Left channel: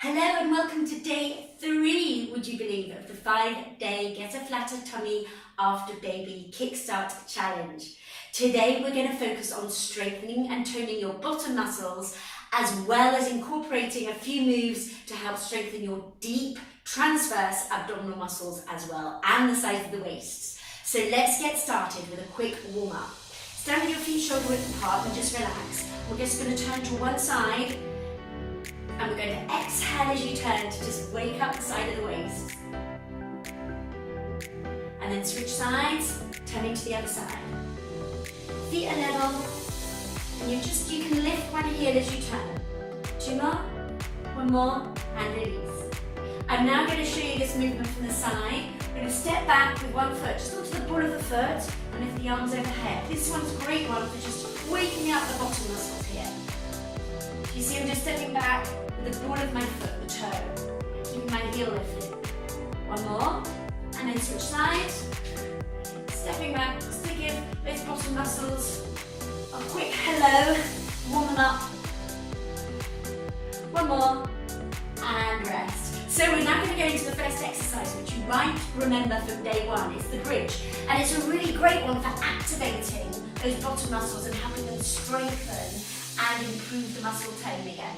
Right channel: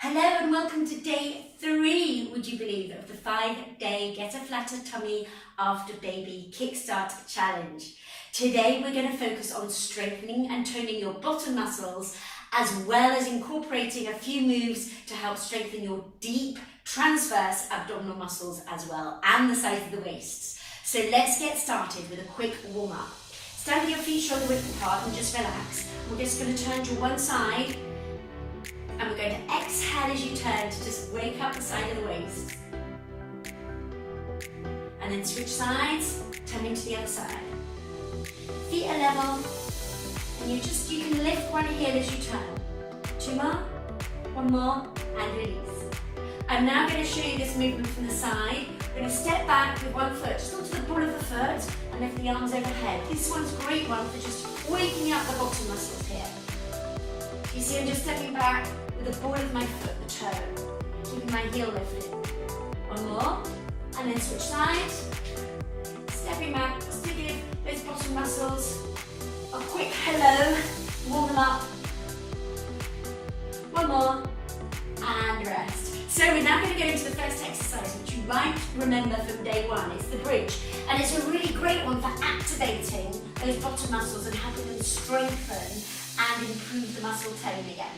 Hello and welcome to day 3, would you believe, of the 5-day Get a Flatter Tummy After Baby Kickstart Challenge. Today we're going to focus on strengthening and toning your bottom muscles, as well as incorporating a few moves to help strengthen your deep transverse abdominal muscles as well, and the sides of the waist. So let's get started with a quick warm-up. Stand with your feet shoulder width apart and just relax. We're just going to turn to one side. And we're going to exhale as you turn to just wake up the side of the waist. And then switch sides, turning to the other side. Feet are level, and you can lift one heel as you turn. 2 more, 1 more, and release. I'm now going to show you this movement from the side. We're going to step back with one foot, just onto the ball of the foot, and lift the arms overhead. This one's a great one for just waking up the bottom muscles here. You see I'm just stepping back with the ball of my foot, the toe, keeping my heel lifted. 1 more, and then switch sides. Stepping back, just to give those bottom muscles a quick hello, warm them up. 1 more, and rest. So we're now going to go into the first exercise, which you might remember from day 1. It's the bridge, and it's a really great one for activating those bottom muscles and helping them strengthen and improve the muscle tone again.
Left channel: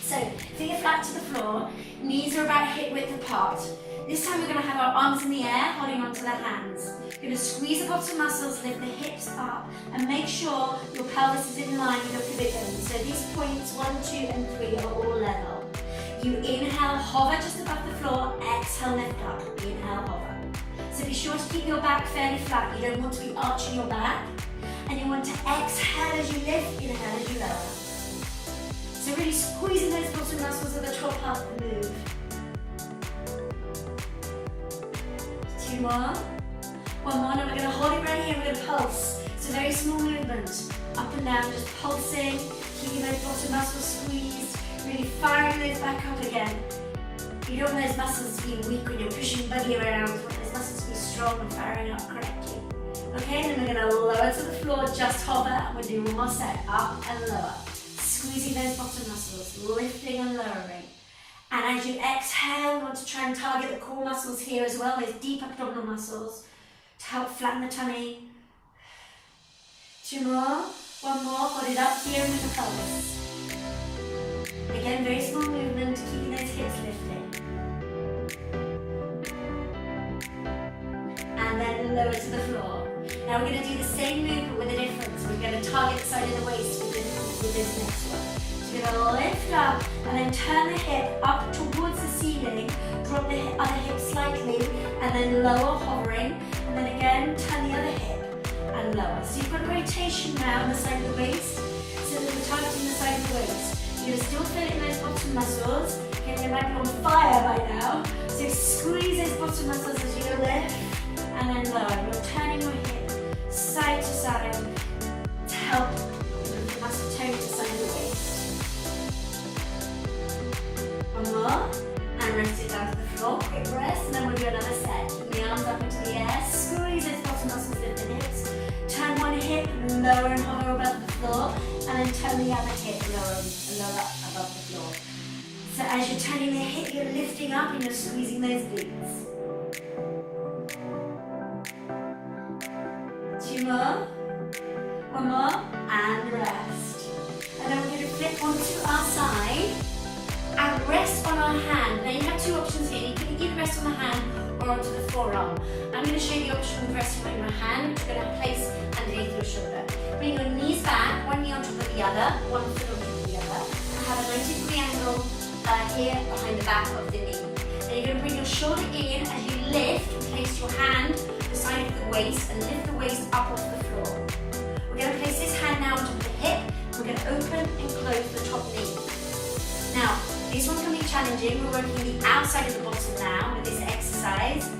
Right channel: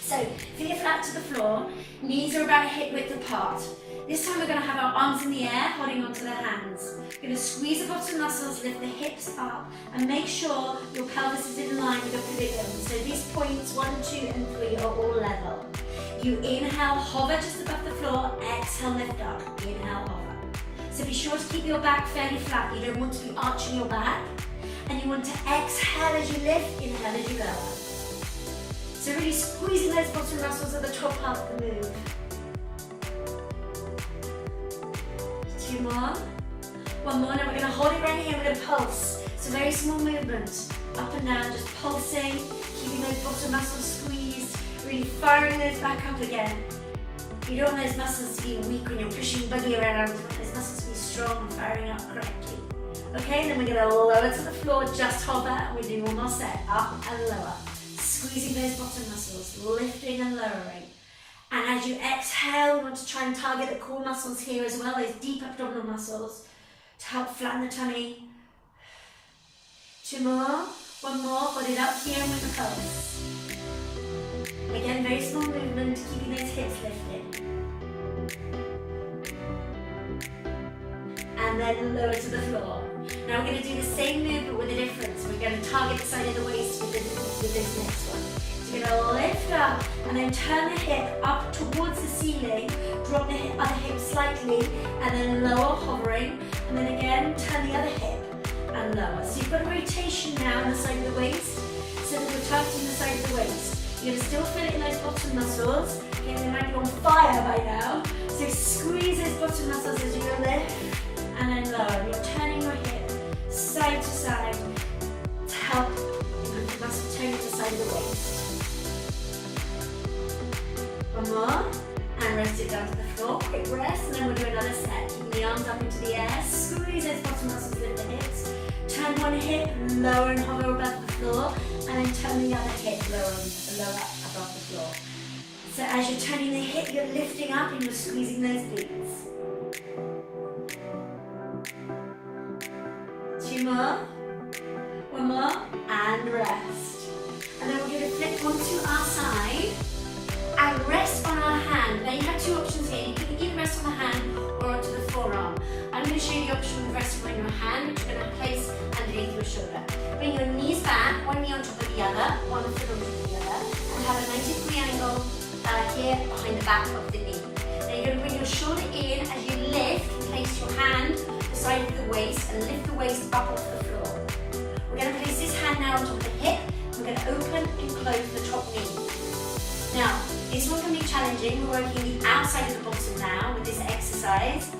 So, feet are flat to the floor, knees are about hip width apart. This time we're going to have our arms in the air, holding onto the hands. We're going to squeeze the bottom muscles, lift the hips up, and make sure your pelvis is in line with your pubic bone. So these points, 1, 2, and 3 are all level. You inhale, hover just above the floor, exhale, lift up. Inhale, hover. So be sure to keep your back fairly flat. You don't want to be arching your back. And you want to exhale as you lift, inhale as you lower. So really squeezing those bottom muscles at the top half of the move. 2 more. 1 more, now we're going to hold it right here, we're going to pulse. It's a very small movement, up and down, just pulsing, keeping those bottom muscles squeezed, really firing those back up again. You don't want those muscles to be weak when you're pushing buggy around, you want those muscles to be strong and firing up correctly. Okay, then we're going to lower to the floor, just hover, and we'll do 1 more set, up and lower. Squeezing those bottom muscles, lifting and lowering. And as you exhale, you want to try and target the core muscles here as well, those deep abdominal muscles, to help flatten the tummy. 2 more, 1 more, hold it up here with the pulse. Again, very small movement, keeping those hips lifted. And then lower to the floor. Now we're going to do the same move but with a difference. We're going to target the side of the waist with this next one. So we're going to lift up and then turn the hip up towards the ceiling, drop the other hip slightly, and then lower, hovering, and then again turn the other hip and lower. So you've got a rotation now on the side of the waist, so that we're targeting the side of the waist. You're going to still feel it in those bottom muscles. Okay, they might be on fire by now. So squeeze those bottom muscles as you lift and then lower. You're turning your hip side to side to help improve the muscle tone to the side of the waist. 1 more, and rest it down to the floor. Quick rest, and then we'll do another set. Keep the arms up into the air, squeeze those bottom muscles, lift the hips. Turn one hip, lower and hover above the floor, and then turn the other hip lower above the floor. So as you're turning the hip, you're lifting up and you're squeezing those glutes. 2 more, 1 more, and rest. And then we're going to flip onto our side and rest on our hand. Now you have 2 options here. You can either rest on the hand or onto the forearm. I'm going to show you the option of resting on your hand, which you're going to place underneath your shoulder. Bring your knees back, 1 knee on top of the other, 1 foot on top of the other, and have a 90-degree angle here behind the back of the knee. Now you're going to bring your shoulder in as you lift, place your hand the side of the waist and lift the waist up off the floor. We're going to place this hand now on top of the hip. We're going to open and close the top knee. Now, this one can be challenging. We're working the outside of the bottom now with this exercise.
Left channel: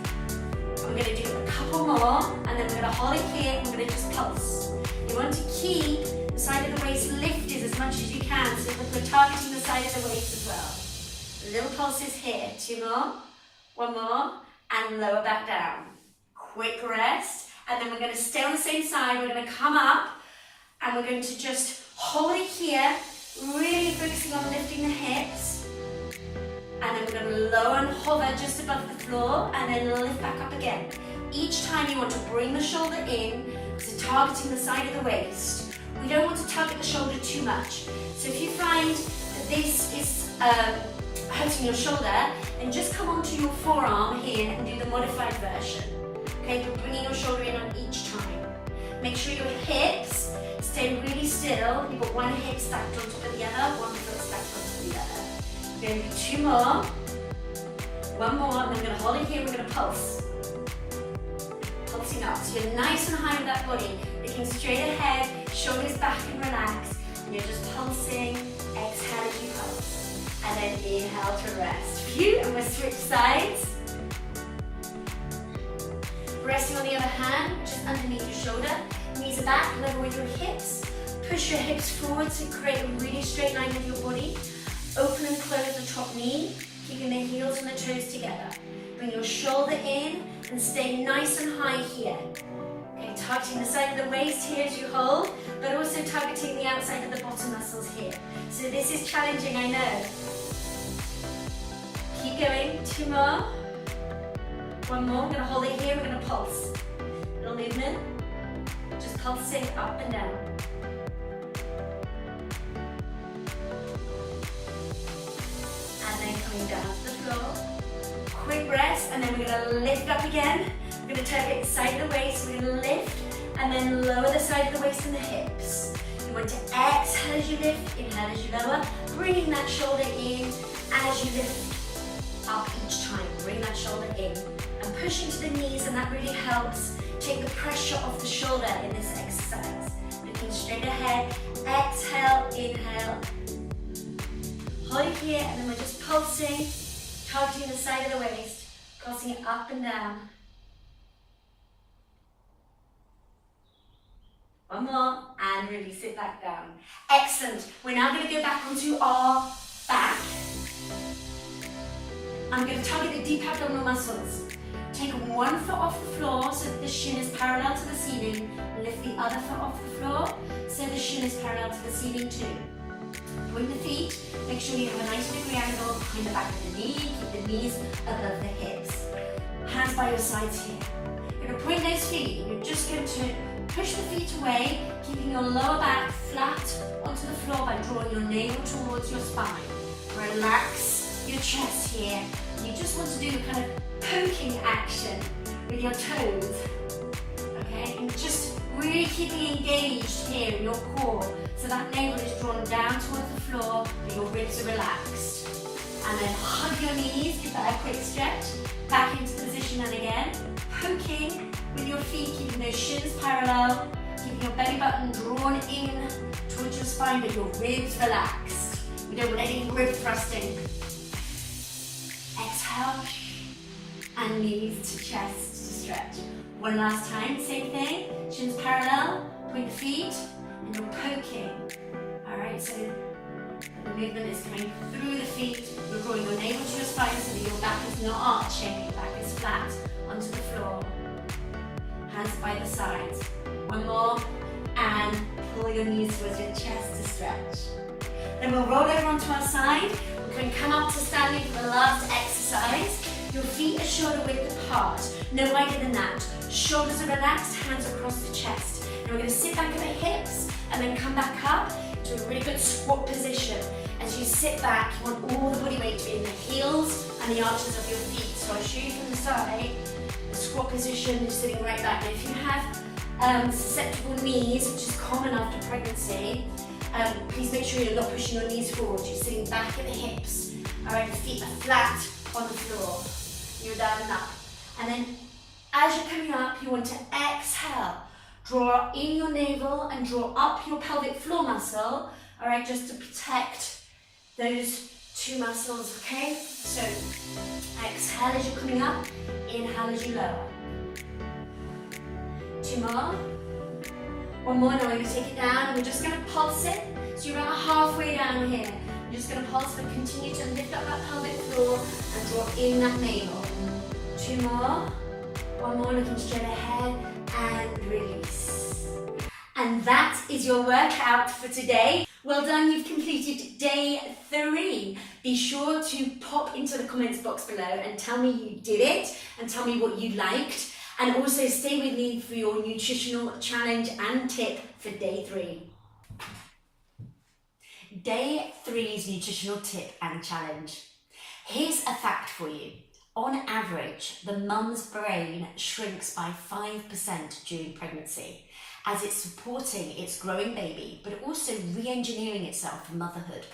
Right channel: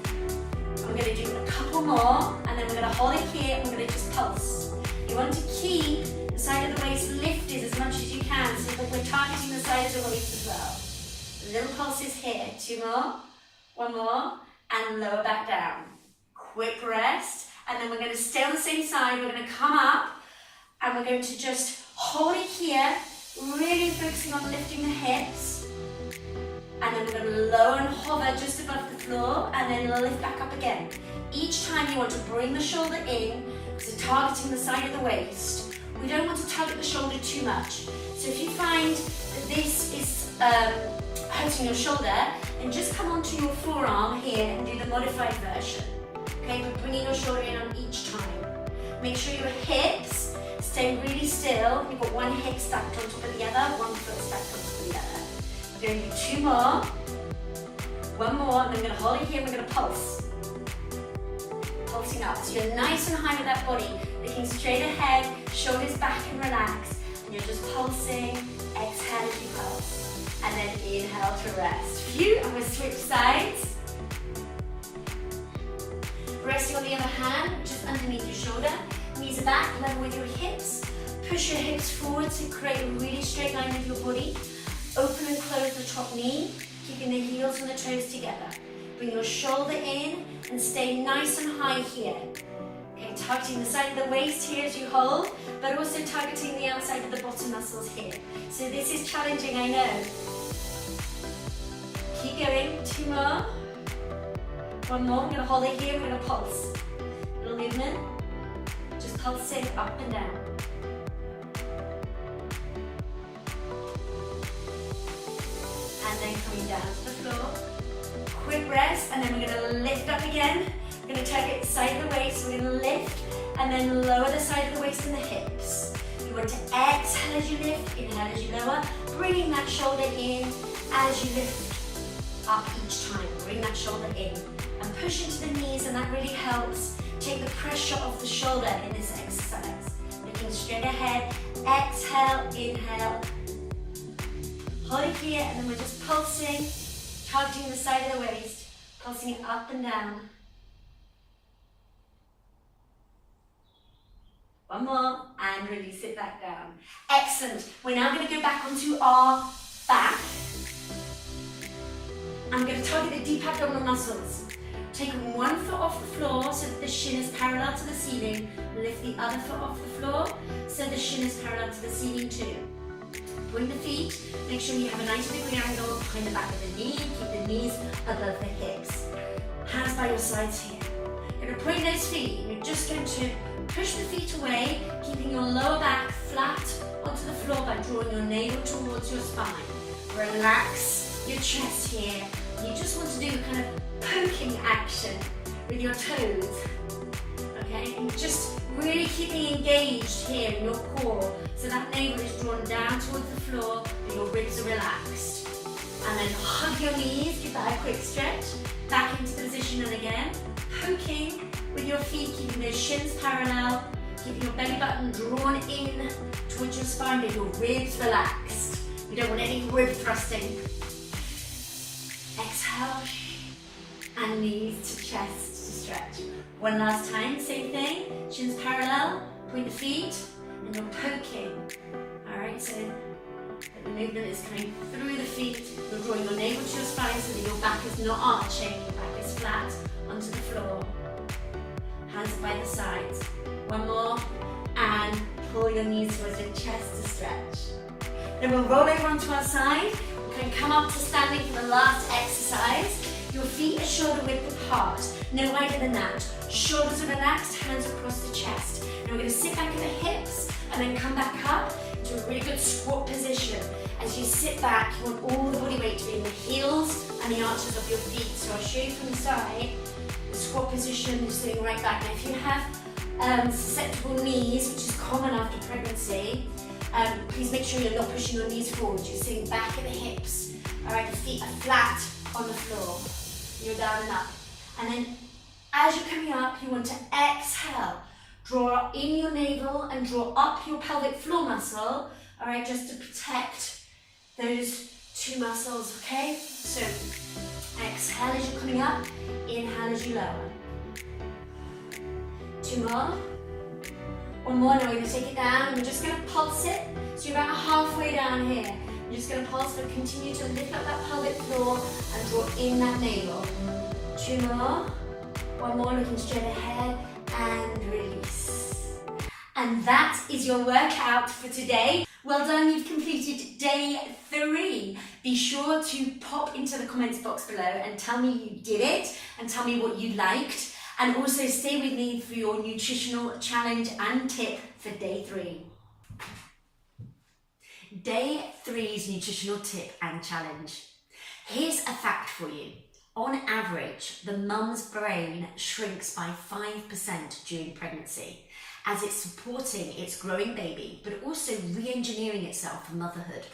We're going to do a couple more, and then we're going to hold it here and we're going to just pulse. You want to keep the side of the waist lifted as much as you can so that we're targeting the side of the waist as well. Little pulses here. 2 more, 1 more, and lower back down. Quick rest, and then we're going to stay on the same side. We're going to come up and we're going to just hold it here, really focusing on lifting the hips. and then we're going to lower and hover just above the floor, and then lift back up again. Each time you want to bring the shoulder in, so targeting the side of the waist. We don't want to target the shoulder too much. So if you find that this is hurting your shoulder, then just come onto your forearm here and do the modified version. Okay, but bringing your shoulder in on each time. Make sure your hips stay really still. You've got one hip stacked on top of the other, one foot stacked on top of the other. We're going to do 2 more. One more, and I'm going to hold it here, and we're going to pulse. Pulsing up. So you're nice and high with that body, looking straight ahead, shoulders back and relax, and you're just pulsing. Exhale as you pulse. And then inhale to rest. Phew, and we'll switch sides. Resting on the other hand, just underneath your shoulder. Knees are back, level with your hips. Push your hips forward to create a really straight line with your body. Open and close the top knee, keeping the heels and the toes together. Bring your shoulder in and stay nice and high here. Okay, targeting the side of the waist here as you hold, but also targeting the outside of the bottom muscles here. So this is challenging, I know. Keep going, 2 more. One more, we're going to hold it here, we're going to pulse. Little movement, just pulsing up and down. And then coming down to the floor. Quick rest, and then we're going to lift up again. We're going to target the side of the waist, we're going to lift, and then lower the side of the waist and the hips. You want to exhale as you lift, inhale as you lower, bringing that shoulder in as you lift up each time. Bring that shoulder in. And push into the knees, and that really helps take the pressure off the shoulder in this exercise. Looking straight ahead, exhale, inhale. Hold it here, and then we're just pulsing, targeting the side of the waist, pulsing it up and down. One more, and release it back down. Excellent. We're now going to go back onto our back. I'm going to target the deep abdominal muscles. Take one foot off the floor so that the shin is parallel to the ceiling. Lift the other foot off the floor so the shin is parallel to the ceiling too. Point the feet. Make sure you have a 90-degree angle behind the back of the knee. Keep the knees above the hips. Hands by your sides here. You're going to point those feet. You're just going to push the feet away, keeping your lower back flat onto the floor by drawing your navel towards your spine. Relax your chest here. You just want to do a kind of poking action with your toes, okay? And just really keeping engaged here in your core, so that navel is drawn down towards the floor, but your ribs are relaxed. And then hug your knees, give that a quick stretch, back into position, and again, poking with your feet, keeping those shins parallel, keeping your belly button drawn in towards your spine, but your ribs relaxed. You don't want any rib thrusting. Exhale, and knees to chest to stretch. One last time, same thing, shins parallel, point the feet, and you're poking. All right, so the movement is coming through the feet, you're drawing your navel to your spine so that your back is not arching, your back is flat onto the floor. Hands by the sides. One more, and pull your knees towards your chest to stretch. Then we'll roll over onto our side. We can come up to standing for the last exercise. Your feet are shoulder width apart, no wider than that. Shoulders are relaxed, hands across the chest. And we're going to sit back at the hips and then come back up to a really good squat position. As you sit back, you want all the body weight to be in the heels and the arches of your feet. So I'll show you from the side. The squat position, you're sitting right back. Now if you have susceptible knees, which is common after pregnancy, please make sure you're not pushing your knees forward. You're sitting back at the hips. All right, the feet are flat on the floor. You're down and up. And then as you're coming up, you want to exhale. Draw in your navel and draw up your pelvic floor muscle, all right, just to protect those two muscles, okay? So exhale as you're coming up, inhale as you lower. 2 more. One more, now we're going to take it down and we're just going to pulse it. So you're about halfway down here. You're just going to pulse but continue to lift up that pelvic floor and draw in that navel. 2 more. One more, looking straight ahead and release. And that is your workout for today. Well done, you've completed day 3. Be sure to pop into the comments box below and tell me you did it and tell me what you liked. And also stay with me for your nutritional challenge and tip for day 3. Day 3's nutritional tip and challenge. Here's a fact for you. On average, the mum's brain shrinks by 5% during pregnancy, as it's supporting its growing baby, but also re-engineering itself for motherhood.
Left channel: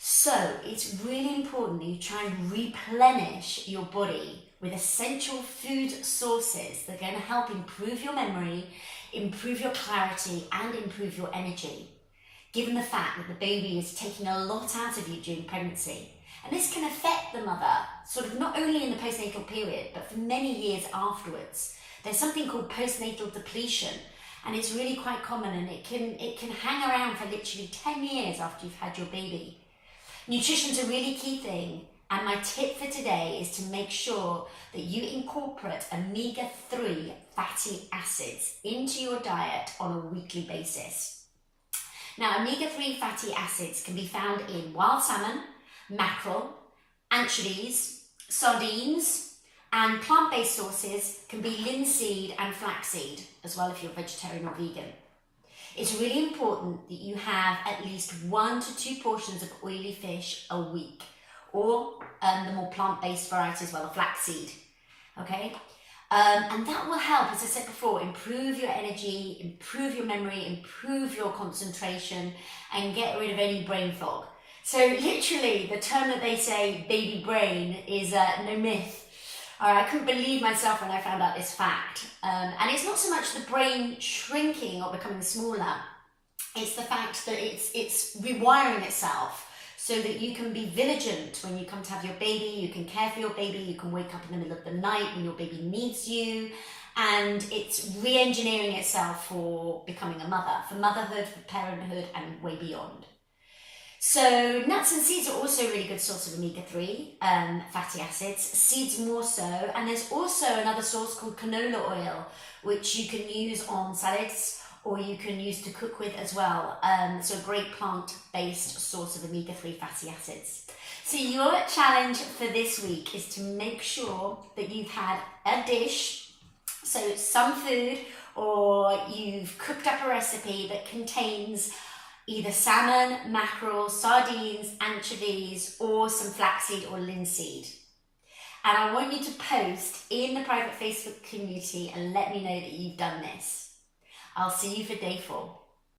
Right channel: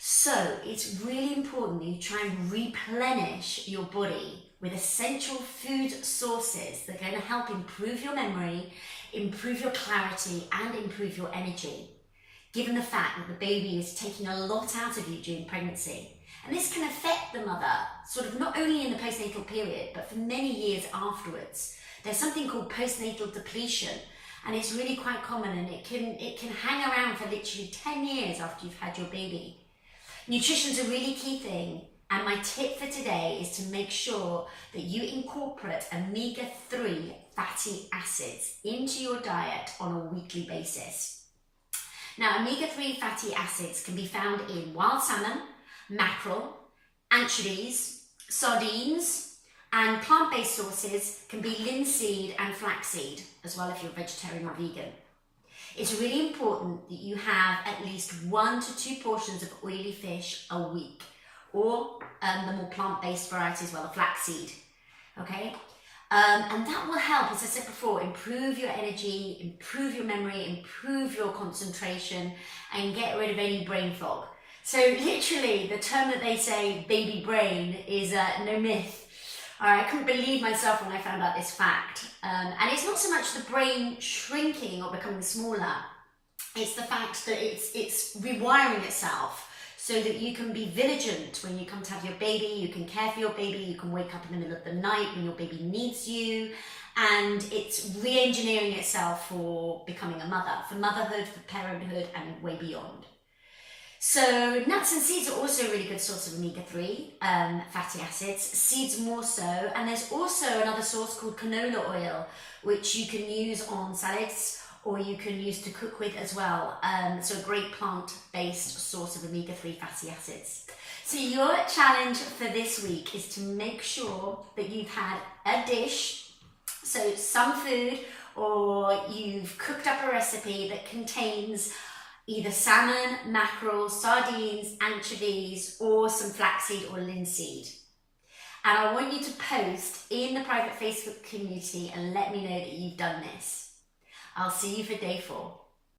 So it's really important that you try and replenish your body with essential food sources that are going to help improve your memory, improve your clarity, and improve your energy, given the fact that the baby is taking a lot out of you during pregnancy. And this can affect the mother, sort of not only in the postnatal period, but for many years afterwards. There's something called postnatal depletion, and it's really quite common, and it can hang around for literally 10 years after you've had your baby. Nutrition's a really key thing, and my tip for today is to make sure that you incorporate omega-3 fatty acids into your diet on a weekly basis. Now, omega-3 fatty acids can be found in wild salmon, mackerel, anchovies, sardines, and plant-based sources can be linseed and flaxseed, as well if you're vegetarian or vegan. It's really important that you have at least 1 to 2 portions of oily fish a week, or the more plant-based variety as well, the flaxseed, okay? And that will help, as I said before, improve your energy, improve your memory, improve your concentration, and get rid of any brain fog. So literally, the term that they say, baby brain, is no myth. I couldn't believe myself when I found out this fact. And it's not so much the brain shrinking or becoming smaller, it's the fact that it's rewiring itself so that you can be vigilant when you come to have your baby, you can care for your baby, you can wake up in the middle of the night when your baby needs you, and it's re-engineering itself for becoming a mother, for motherhood, for parenthood, and way beyond. So nuts and seeds are also a really good source of omega-3 fatty acids, seeds more so, and there's also another source called canola oil, which you can use on salads or you can use to cook with as well. So a great plant-based source of omega-3 fatty acids. So your challenge for this week is to make sure that you've had a dish, so some food, or you've cooked up a recipe that contains either salmon, mackerel, sardines, anchovies, or some flaxseed or linseed. And I want you to post in the private Facebook community and let me know that you've done this. I'll see you for day 4.